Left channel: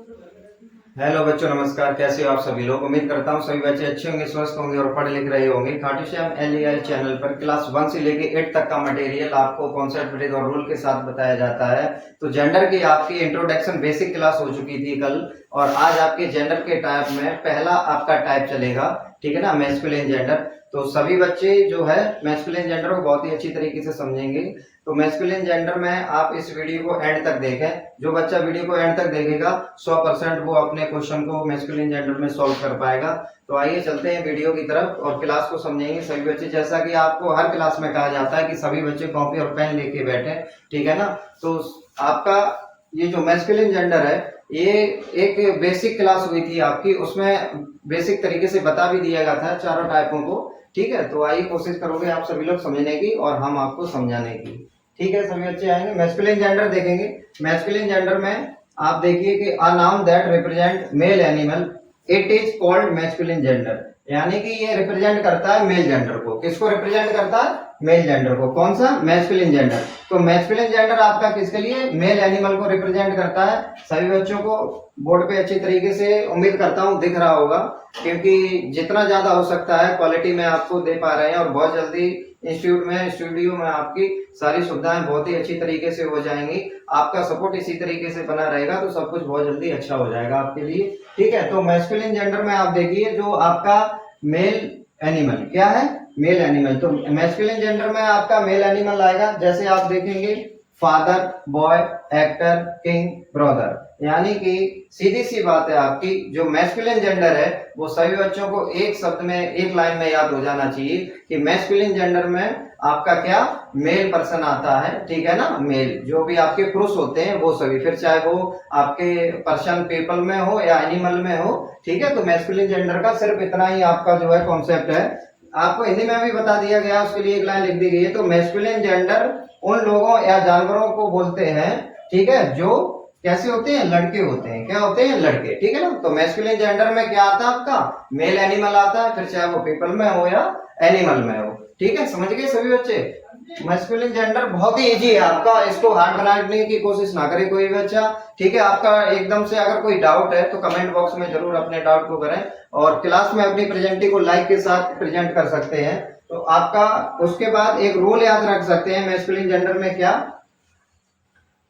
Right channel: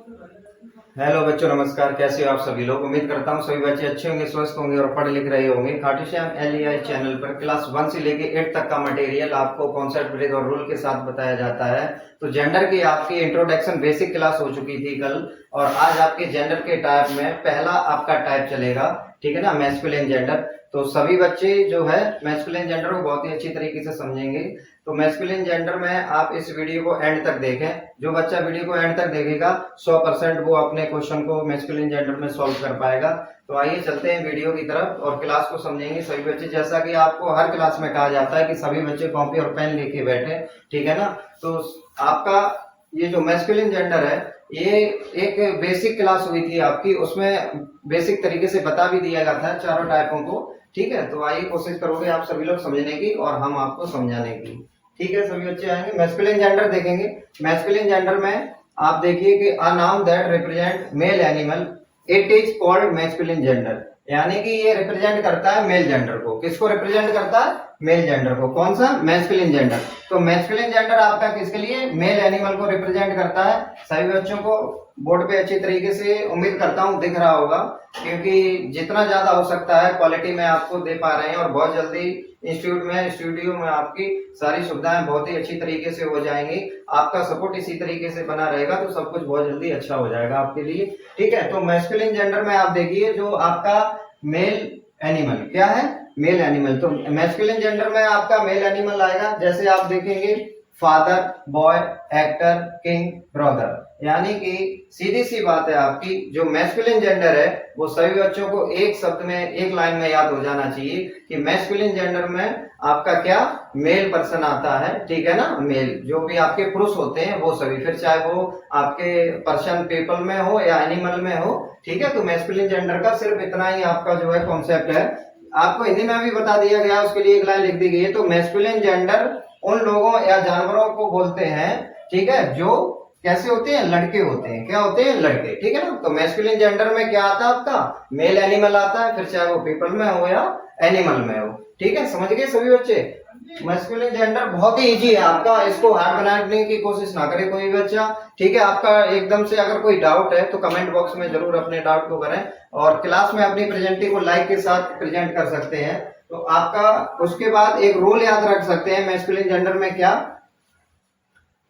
Hello बच्चों, नमस्कार। कैसे हो आप सभी लोग। उम्मीद करता हूँ सभी बच्चे अच्छे होंगे, स्वस्थ होंगे और पढ़ लिख रहे होंगे। खाटू श्याम LEI चैनल पर क्लास 1 से लेके 8 तक का मटेरियल आपको कॉन्सेप्ट ब्रेक और रूल के साथ बताया जाता है। तो जेंडर की आपकी इंट्रोडक्शन बेसिक क्लास हो चुकी थी कल, और आज आपके जेंडर के टाइप में पहला आपका टाइप चलेगा, ठीक है ना, मैस्कुलिन जेंडर। तो सभी बच्चे जो है मैस्कुलिन जेंडर को बहुत ही अच्छी तरीके से समझेंगे। तो मैस्कुलिन जेंडर में आप इस वीडियो को एंड तक देखें। जो बच्चा वीडियो को एंड तक देखेगा 100% वो अपने क्वेश्चन को मैस्कुलिन जेंडर में सॉल्व कर पाएगा। तो आइए चलते हैं वीडियो की तरफ और क्लास को समझेंगे सभी बच्चे। जैसा कि आपको हर क्लास में कहा जाता है कि सभी बच्चे कॉपी और पेन लेके बैठे, ठीक है ना। तो आपका ये जो मैस्कुलिन जेंडर है, ये एक बेसिक क्लास हुई थी आपकी, उसमें बेसिक तरीके से बता भी दिया गया था चारों टाइपों को, ठीक है। तो आइए कोशिश करोगे आप सभी लोग समझने की और हम आपको समझाने की, ठीक है। सभी बच्चे आएंगे, मैस्कुलिन जेंडर देखेंगे। मैस्कुलिन जेंडर में आप देखिए कि a noun that represent male animal, it is called masculine gender. यानी कि ये रिप्रेजेंट करता है मेल जेंडर को। किसको रिप्रेजेंट करता है? मेल जेंडर को। कौन सा? Masculine gender. तो मैस्कुलिन जेंडर आपका किसके लिए? मेल एनिमल को रिप्रेजेंट करता है। सभी बच्चों को बोर्ड पे अच्छी तरीके से उम्मीद करता हूँ दिख रहा होगा, क्योंकि जितना ज्यादा हो सकता है क्वालिटी में आपको दे पा रहे हैं, और बहुत जल्दी इंस्टीट्यूट में, स्टूडियो में आपकी सारी सुविधाएं बहुत ही अच्छी तरीके से हो जाएंगी। आपका सपोर्ट इसी तरीके से बना रहेगा तो सब कुछ बहुत जल्दी अच्छा हो जाएगा आपके लिए, ठीक है। तो मैस्कुलिन जेंडर में आप देखिए जो आपका मेल एनिमल क्या है? Male animal. तो मैस्कुलिन जेंडर में आपका मेल एनिमल आएगा, जैसे आप देखेंगे father, boy, actor, king, brother. यानी कि सीधी सी बात है आपकी, जो मैस्कुलिन जेंडर है वो सभी बच्चों को एक शब्द में, एक लाइन में याद हो जाना चाहिए कि मैस्कुलिन जेंडर में आपका क्या? मेल पर्सन आता है, ठीक है ना। मेल जो भी आपके पुरुष होते हैं वो सभी, फिर चाहे वो आपके पर्सन पीपल में हो या एनिमल में हो, ठीक है। तो मैस्कुलिन जेंडर का सिर्फ इतना ही आपका जो है कॉन्सेप्ट है। आपको हिंदी में भी बता दिया गया, उसके लिए एक लाइन लिख दी गई है। तो मैस्कुलिन जेंडर उन लोगों या जानवरों को बोलते हैं, ठीक है, जो कैसे होते हैं? लड़के होते हैं। क्या होते हैं? लड़के, ठीक है ना। तो मैस्कुलिन जेंडर में क्या आता है आपका? मेल एनिमल आता है, फिर चाहे वो पीपल में हो या एनिमल में हो, ठीक है। समझ गए सभी बच्चे? मैस्कुलिन जेंडर बहुत ही इजी है आपका, इसको हार्ड बनाने की कोशिश ना करे कोई बच्चा, ठीक है। आपका एकदम से अगर कोई डाउट है तो कमेंट बॉक्स में जरूर अपने डाउट को करें, और क्लास में अपनी प्रेजेंटी को लाइक के साथ प्रेजेंट कर सकते हैं। तो आपका उसके बाद एक रूल याद रख सकते हैं मैस्कुलिन जेंडर में क्या,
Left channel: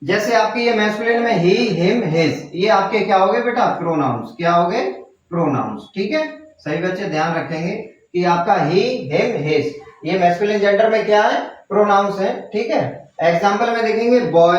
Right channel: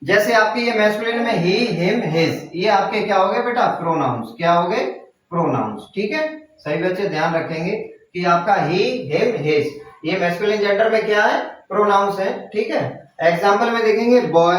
जैसे आपकी ये मैस्कुलिन में ही, हिम, हिज, ये आपके क्या हो गए बेटा? प्रोनाउंस। क्या हो गए? प्रोनाउंस, ठीक है। सही बच्चे ध्यान रखेंगे कि आपका ही, हिम, हिज, ये मैस्कुलिन जेंडर में क्या है? प्रोनाउंस है, ठीक है। एग्जांपल में देखेंगे बॉय,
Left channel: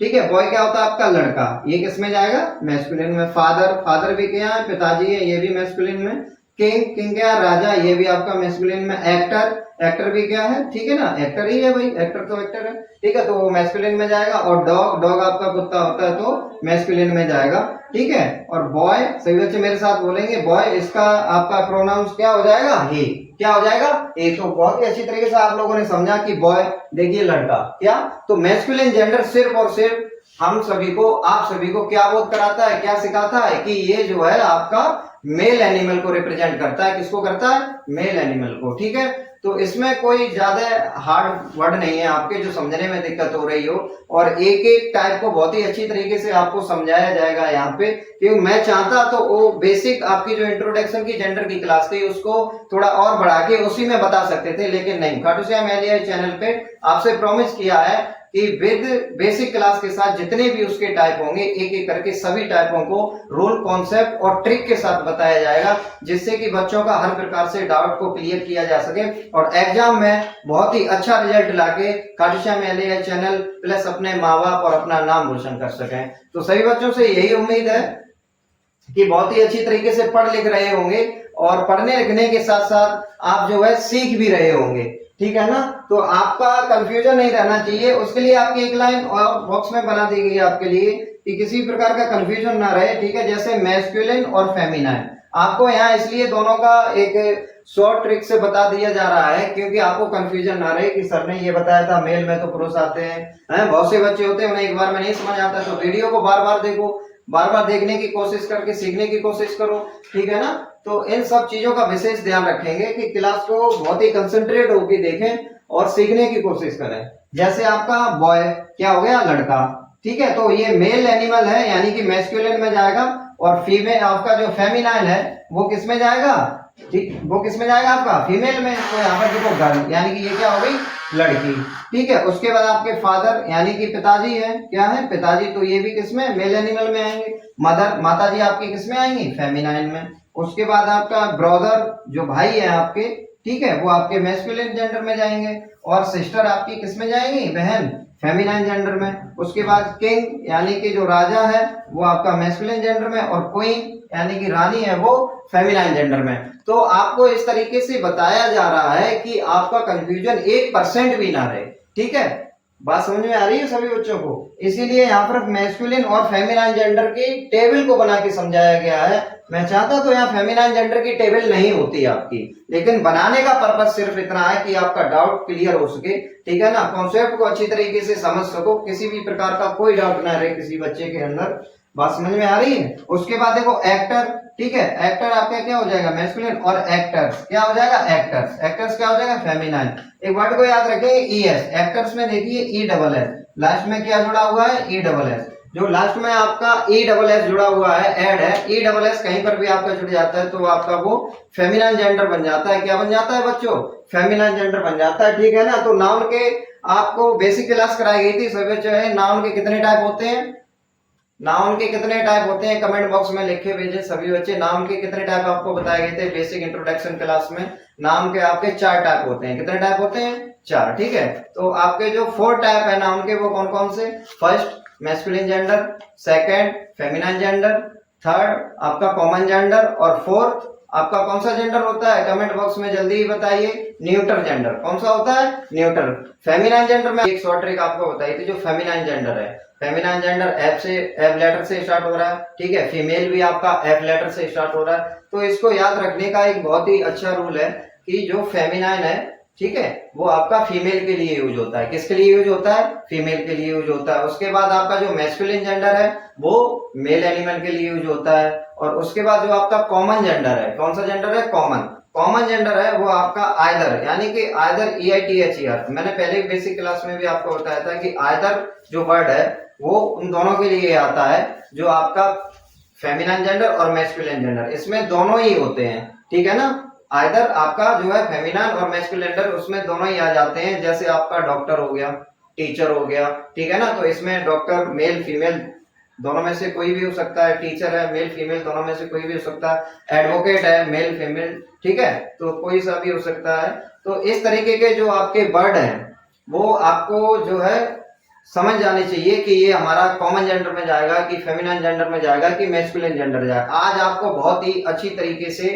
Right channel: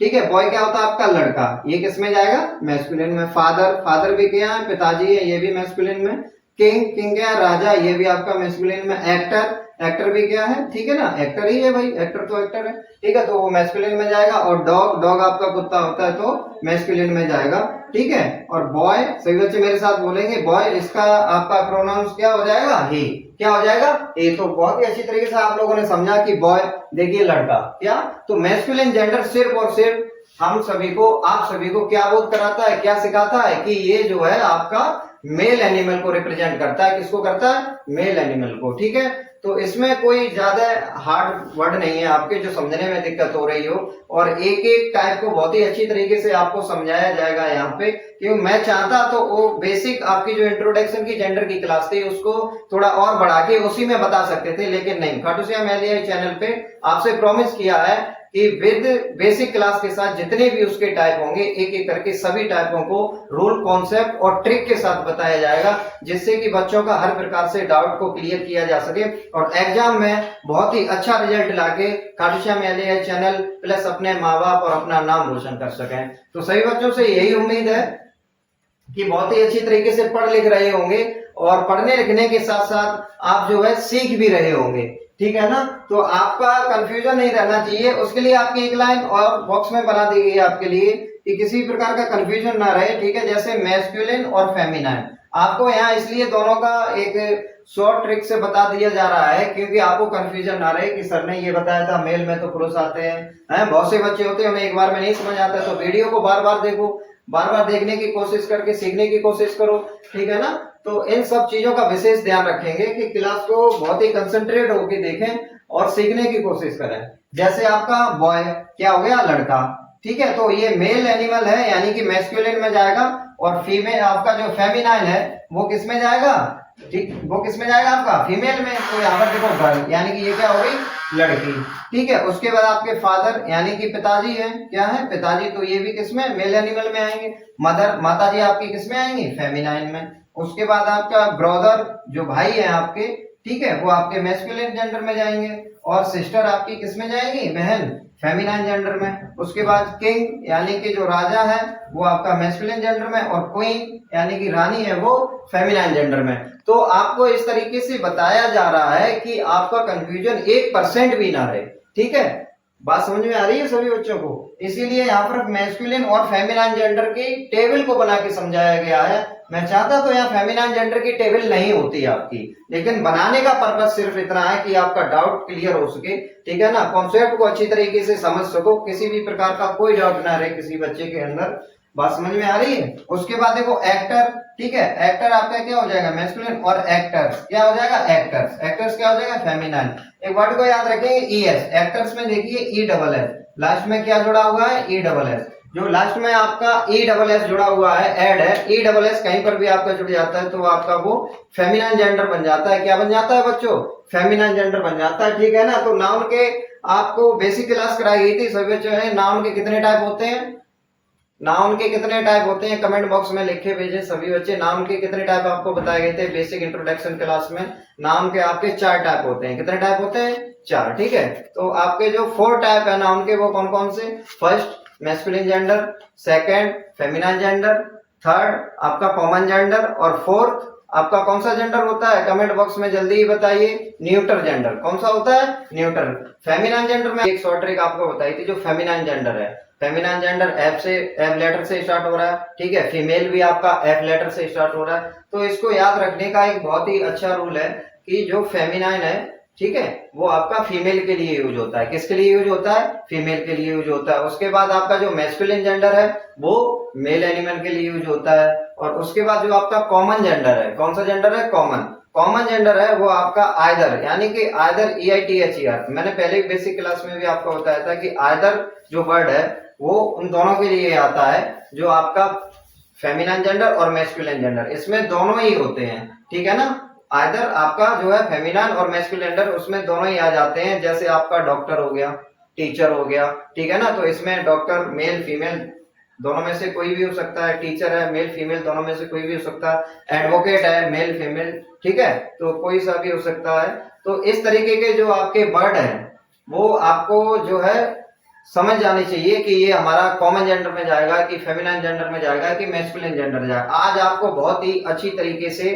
ठीक है। बॉय क्या होता है आपका? लड़का। ये किस में जाएगा? मैस्कुलिन में। फादर, फादर भी क्या है? पिताजी है, ये भी मैस्कुलिन में। किंग, किंग क्या है? राजा, ये भी आपका मैस्कुलिन में। एक्टर, एक्टर भी क्या है? ठीक है ना, एक्टर ही है भाई, एक्टर तो एक्टर है, ठीक है। तो वो मैस्कुलिन में जाएगा। और डॉग, डॉग आपका कुत्ता होता है तो मैस्कुलिन में जाएगा, ठीक है। और बॉय, सभी बच्चे मेरे साथ बोलेंगे बॉय, इसका आपका प्रोनाउंस क्या हो जाएगा? ही। क्या हो जाएगा? ये तो बहुत ही अच्छी तरीके से आप लोगों ने समझा कि बॉय देखिए लड़का, क्या। तो मैस्कुलिन जेंडर सिर्फ और सिर्फ हम सभी को, आप सभी को क्या बोध कराता है, क्या सिखाता है कि ये जो है आपका मेल एनिमल को रिप्रेजेंट करता है। किसको करता है? मेल एनिमल को, ठीक है। तो इसमें कोई ज्यादा हार्ड वर्ड नहीं है आपके जो समझने में दिक्कत हो रही हो, और एक एक टाइप को बहुत ही अच्छी तरीके से आपको समझाया जाएगा यहाँ पे। क्योंकि मैं चाहता तो वो बेसिक आपकी जो इंट्रोडक्शन की जेंडर की क्लास थी उसको थोड़ा और बढ़ा के उसी में बता सकते थे, लेकिन नहीं। खाटू श्याम LEI चैनल पे आपसे प्रॉमिस किया है कि विद बेसिक क्लास के साथ जितने भी उसके टाइप होंगे, एक एक करके सभी टाइपों को रूल, कॉन्सेप्ट और ट्रिक के साथ बताया जाएगा, जिससे कि बच्चों का हर प्रकार से डाउट को क्लियर किया जा सके और एग्जाम में बहुत ही अच्छा रिजल्ट लाके Khatu Shyam LEI channel plus अपने माँ बाप और अपना नाम रोशन कर सकें। तो सभी बच्चों से यही उम्मीद है कि बहुत ही अच्छी तरीके से पढ़ लिख रहे होंगे, और पढ़ने लिखने के साथ साथ आप जो है सीख भी रहे होंगे, ठीक है ना। तो आपका कंफ्यूजन नहीं रहना चाहिए, उसके लिए आपकी एक लाइन और बॉक्स में बना दी गई है आपके लिए कि किसी प्रकार का कंफ्यूजन ना रहे, ठीक है। जैसे मैस्कुलिन और फेमिनाइन, आपको यहाँ इसलिए दोनों का एक शॉर्ट ट्रिक से बता दिया जा रहा है क्योंकि आपको कंफ्यूजन ना रहे कि सर ने ये बताया था मेल में तो पुरुष आते हैं, बहुत से बच्चे होते हैं उन्हें एक बार में नहीं समझ आता। तो वीडियो को बार बार देखो, बार बार देखने की कोशिश करके सीखने की कोशिश करो, ठीक है ना। तो इन सब चीजों का विशेष ध्यान रखेंगे कि क्लास को बहुत ही कंसंट्रेट होकर देखें और सीखने की कोशिश करें। जैसे आपका बॉय क्या हो गया? लड़का, ठीक है। तो ये मेल एनिमल है यानी कि मैस्कुलिन में जाएगा, और फीमेल आपका जो फेमिनाइन है वो किस में जाएगा, ठीक, वो किस में जाएगा आपका फीमेल में। तो यहाँ पर देखो गर्ल यानी कि ये क्या हो गई, लड़की, ठीक है। उसके बाद आपके फादर यानी कि पिताजी है, क्या है, पिताजी, तो ये भी किसमें, मेल एनिमल में आएंगे। मदर, माताजी आपकी किसमें आएंगी, फेमिनाइन में। उसके बाद आपका ब्रदर जो भाई है आपके, ठीक है, वो आपके मैस्कुलिन जेंडर में जाएंगे, और सिस्टर आपकी किसमें जाएंगी, बहन, फेमिनाइन जेंडर में। उसके बाद किंग यानी कि जो राजा है वो आपका मैस्कुलिन जेंडर में, और क्वीन यानी कि रानी है वो फेमिनाइन जेंडर में। तो आपको इस तरीके से बताया जा रहा है कि आपका कंफ्यूजन 1% भी ना रहे, ठीक है। बात समझ में आ रही है सभी बच्चों को। इसीलिए यहाँ पर मैस्कुलिन और फेमिनाइन जेंडर की टेबल को बना के समझाया गया है। मैं चाहता तो यहाँ फेमिनाइन जेंडर की टेबल नहीं होती आपकी, लेकिन बनाने का पर्पस सिर्फ इतना है कि आपका डाउट क्लियर हो सके, ठीक है ना, कॉन्सेप्ट को अच्छी तरीके से समझ सको, किसी भी प्रकार का कोई डाउट ना रहे किसी बच्चे के अंदर। बात समझ में आ रही है। उसके बाद देखो एक्टर, ठीक है, एक्टर आपका क्या हो जाएगा, मैस्कुलिन, और एक्टर्स क्या हो जाएगा, एक्टर्स, एक्टर्स क्या हो जाएगा, फेमिनाइन। एक वर्ड को याद रखेंगे, ईएस, एक्टर्स में देखिए ई डबल एस, लास्ट में क्या जुड़ा हुआ है, ई डबल एस। जो लास्ट में आपका ई डबल एस जुड़ा हुआ है, ऐड है, ई डबल एस कहीं पर भी आपका जुड़ जाता है तो आपका वो फेमिनाइन जेंडर बन जाता है। क्या बन जाता है बच्चों, फेमिनाइन जेंडर बन जाता है, ठीक है ना। तो नाउन के आपको बेसिक क्लास कराई गई थी सभी बच्चों ने, नाउन के कितने टाइप होते हैं, नाउन के कितने टाइप होते हैं, कमेंट बॉक्स में लिख के भेजे सभी बच्चे। नाउन के कितने टाइप आपको बताए गए थे बेसिक इंट्रोडक्शन क्लास में। नाउन के आपके 4 टाइप होते हैं। कितने टाइप होते हैं, 4, ठीक है। तो आपके जो 4 टाइप है नाउन के वो कौन कौन से, first masculine gender, second feminine gender, third आपका कॉमन जेंडर, और फोर्थ आपका कौन सा जेंडर होता है, कमेंट बॉक्स में जल्दी ही बताइए, न्यूट्रल जेंडर। कौन सा होता है, न्यूट्रल। फेमिनाइन जेंडर में एक शॉर्ट ट्रिक आपको बताई थी, जो फेमिनाइन जेंडर है, फेमिनाइन जेंडर एफ से, एफ लेटर से स्टार्ट हो रहा है, ठीक है। फीमेल भी आपका एफ लेटर से स्टार्ट हो रहा है। तो इसको याद रखने का एक बहुत ही अच्छा रूल है कि जो फेमिनाइन है, ठीक है, वो आपका फीमेल के लिए यूज होता है। किसके लिए यूज होता है, फीमेल के लिए यूज होता है। उसके बाद आपका जो मैस्कुलिन जेंडर है वो मेल एनिमल के लिए यूज होता है। और उसके बाद जो आपका कॉमन जेंडर है, कौन सा जेंडर है, कॉमन, कॉमन जेंडर है वो आपका आइदर, यानी कि आइदर EITHER। मैंने पहले बेसिक क्लास में भी आपको बताया था कि आइदर जो वर्ड है वो उन दोनों के लिए आता है, जो आपका फेमिनाइन जेंडर और मैस्कुलिन जेंडर, इसमें दोनों ही होते हैं, ठीक है ना। आइदर आपका जो है फेमिनाइन और मैस्कुलिन जेंडर, उसमें दोनों ही आ जाते हैं। जैसे आपका डॉक्टर हो गया, टीचर हो गया, ठीक है ना, तो इसमें डॉक्टर मेल फीमेल दोनों में से कोई भी हो सकता है, टीचर है मेल फीमेल दोनों में से कोई भी हो सकता है, एडवोकेट है मेल फीमेल, ठीक है, तो कोई सा भी हो सकता है। तो इस तरीके के जो आपके वर्ड हैं वो आपको जो है समझ जानी चाहिए कि ये हमारा कॉमन जेंडर में जाएगा कि फेमिनाइन जेंडर में जाएगा कि मैस्कुलिन जेंडर जाएगा। आज आपको बहुत ही अच्छी तरीके से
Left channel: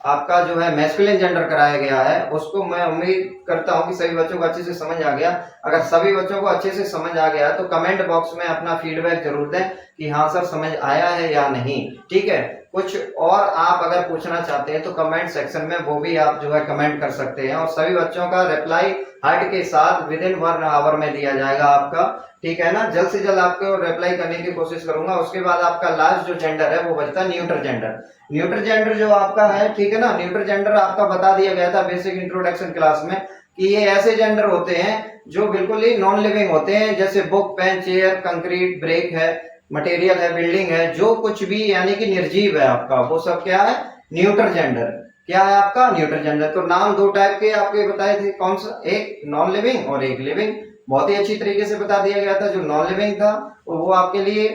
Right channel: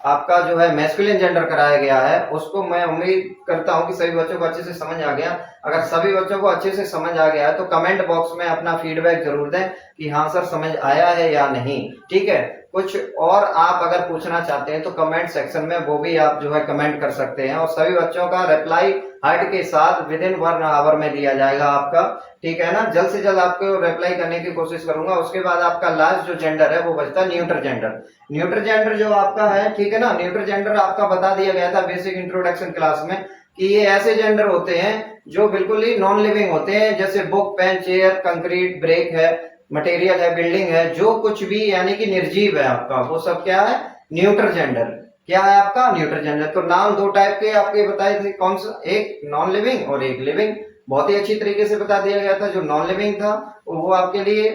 आपका जो है मैस्कुलिन जेंडर कराया गया है, उसको मैं उम्मीद करता हूं कि सभी बच्चों को अच्छे से समझ आ गया। अगर सभी बच्चों को अच्छे से समझ आ गया तो कमेंट बॉक्स में अपना फीडबैक जरूर दें कि हाँ सर समझ आया है या नहीं, ठीक है। कुछ और आप अगर पूछना चाहते हैं तो कमेंट सेक्शन में वो भी आप जो है कमेंट कर सकते हैं, और सभी बच्चों का रिप्लाई हार्ट के साथ विद इन 1 आवर में दिया जाएगा आपका, ठीक है ना। जल्द से जल्द आपको रिप्लाई करने की कोशिश करूंगा। उसके बाद आपका लास्ट जो जेंडर है वो बचता है न्यूट्रल जेंडर। न्यूट्रल जेंडर जो आपका है, ठीक है ना, न्यूट्रल जेंडर आपका बता दिया गया था बेसिक इंट्रोडक्शन क्लास में कि ये ऐसे जेंडर होते हैं जो बिल्कुल ही नॉन लिविंग होते हैं, जैसे book, pen, chair, concrete, brick है, मटेरियल है, बिल्डिंग है, जो कुछ भी यानी कि निर्जीव है आपका, वो सब क्या है, न्यूट्रल जेंडर। क्या है आपका, न्यूट्रल जेंडर। तो नाम 2 टाइप के आपके बताए थे, कौन सा, एक नॉन लिविंग और एक लिविंग। बहुत ही अच्छी तरीके से बता दिया गया था। जो नॉन लिविंग था वो आपके लिए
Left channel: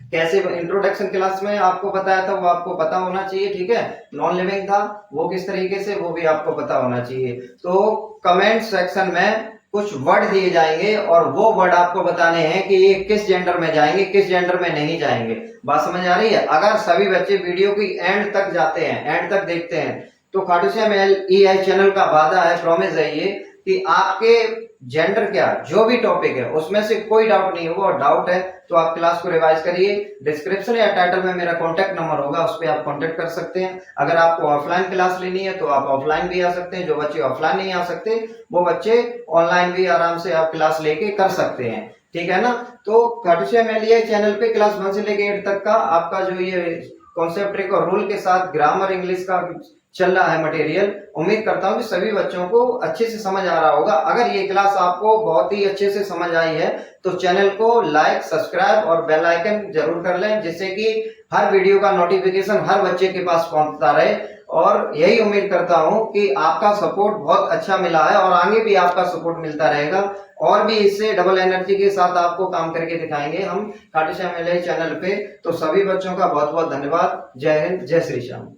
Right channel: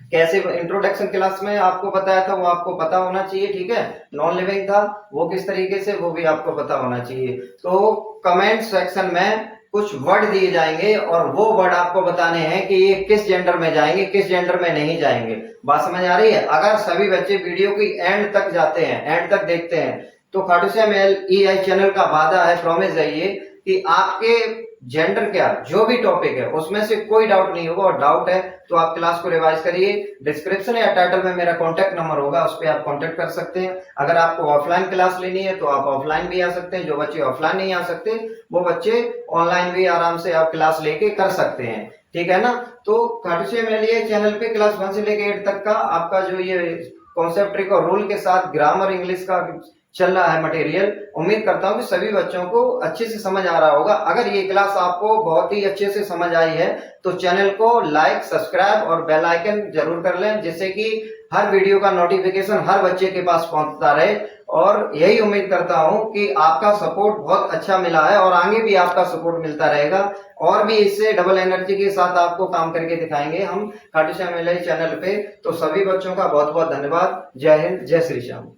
कैसे इंट्रोडक्शन क्लास में आपको बताया था, वो आपको पता होना चाहिए, ठीक है। नॉन लिविंग था वो किस तरीके से, वो भी आपको पता होना चाहिए। तो कमेंट सेक्शन में कुछ वर्ड दिए जाएंगे और वो वर्ड आपको बताने हैं कि ये किस जेंडर में जाएंगे, किस जेंडर में नहीं जाएंगे। बात समझ आ रही है। अगर सभी बच्चे वीडियो की एंड तक जाते हैं, एंड तक देखते हैं, तो खाटू श्याम LEI चैनल का वादा है, प्रॉमिस है ये, कि आपके जेंडर क्या जो भी टॉपिक है उसमें से कोई डाउट नहीं होगा। और डाउट है तो आप क्लास को रिवाइज करिए। डिस्क्रिप्शन या टाइटल में मेरा कॉन्टेक्ट नंबर होगा, उस पर आप कॉन्टेक्ट कर सकते हैं। अगर आपको ऑफलाइन क्लास लेनी है तो आप ऑफलाइन भी आ सकते हैं। जो बच्चे ऑफलाइन नहीं आ सकते वो बच्चे ऑनलाइन भी आराम से आप क्लास लेके कर सकते हैं, ठीक है ना। तो खाटू श्याम LEI चैनल पे क्लास 1 से लेके 8 तक का आपका जो ये कॉन्सेप्ट ट्रिक और रूल के साथ ग्रामर इंग्लिश का चल रहा है मटेरियल, उम्मीद करता हूँ कि सभी बच्चों को अच्छे से समझ आ रहा होगा। अगर ये क्लास आपको बहुत ही अच्छे से समझ आई है तो चैनल को लाइक, सब्सक्राइब और बेल आइकन जरूर कर लें, जिससे कि हर वीडियो का नोटिफिकेशन हर बच्चे के पास पहुंचता रहे। और यही उम्मीद करता हूं कि आपका सपोर्ट बहुत अच्छा मिला है और आगे भी आपका सपोर्ट मिलता रहेगा, और भी इससे डबल एनर्जी के साथ आपको काम करके दिखाएंगे हम खाटू श्याम एलआई चैनल पे। तो सभी बच्चों का बहुत बहुत धन्यवाद। जय हिंद, जय श्री श्याम।